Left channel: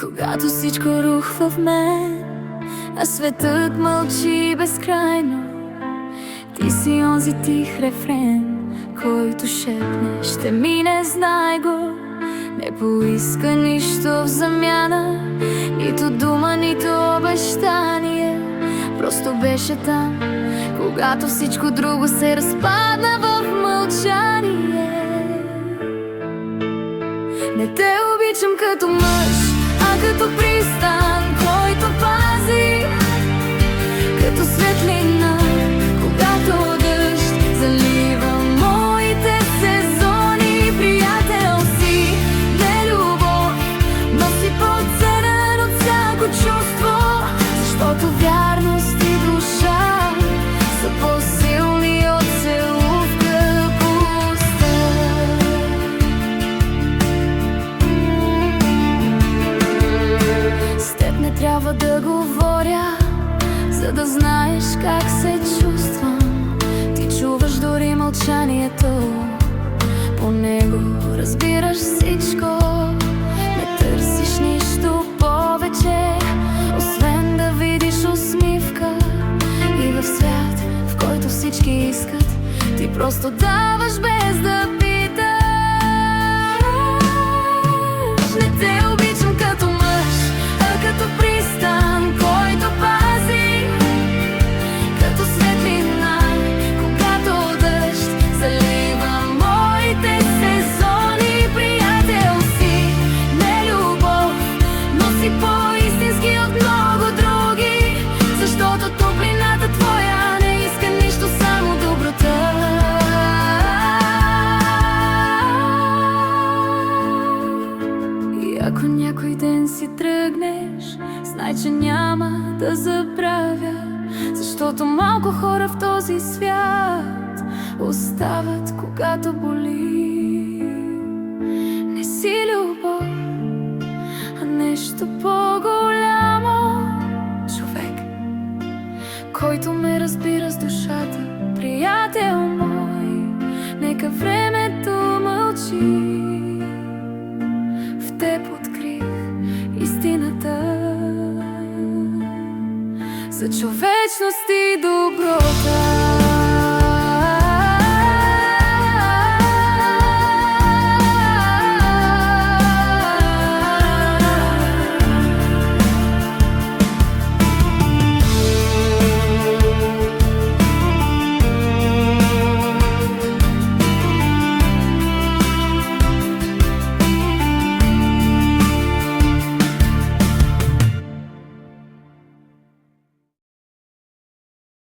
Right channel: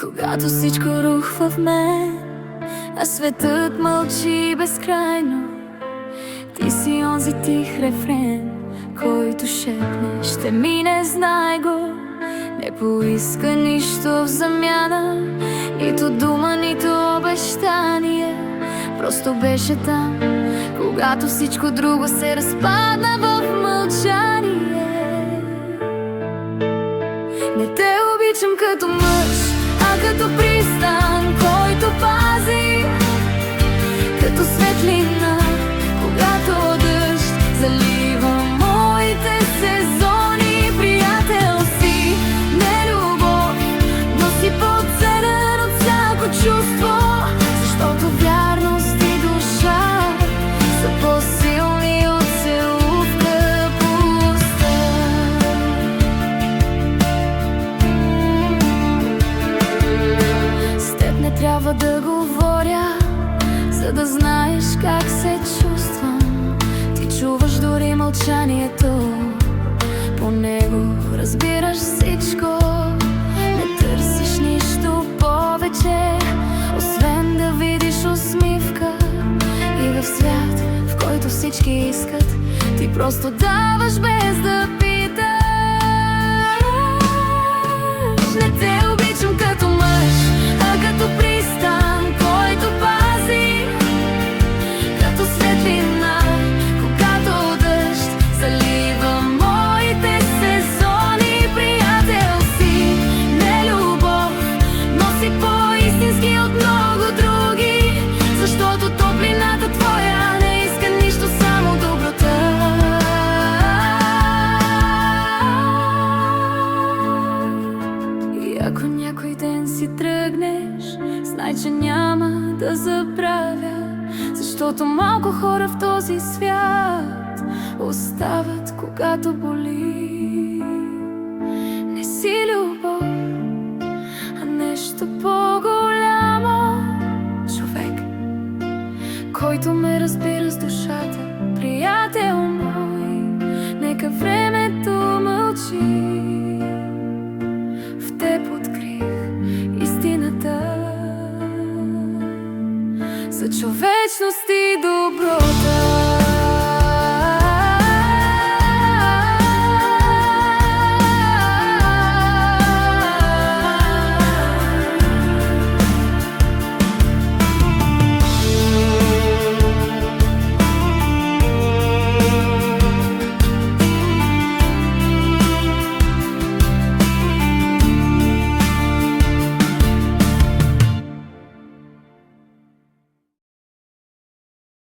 Когато всичко рухва в мен, а светът мълчи безкрайно, ти си онзи тих рефрен, който шепне: ще мине, знай го. Не поиска нищо в замяна, нито дума, нито обещание. Просто беше там, когато всичко друго се разпадна в мълчание. Не те обичам като мъж, а като пристан, който пази, като светлина, когато дъжд залива моите сезони. Приятел си, не любов, но си по-ценен от всяко чувство, защото вярност и душа са по-силни от целувка пуста. С теб не трябва да говоря, за да знаеш как се чувствам. Ти чуваш дори мълчанието, по него разбираш всичко. Не търсиш нищо повече, освен да видиш усмивка. И в свят, в който всички искат, ти просто даваш без да питаш. Не те обичам като мъж, а като пристан, който пази, като светлина, когато дъжд залива моите сезони. Приятел си, не любов, но си по-истински от много други, защото топлината твоя не иска нищо, само доброта. И ако някой ден си тръгнеш, знай, че няма да забравя, защото малко хора в този свят остават, когато боли. Не си любов, а нещо по-голямо. Човек, който ме разбира с душата. Приятел мой, нека времето мълчи. В теб открих истината за човечност и доброта.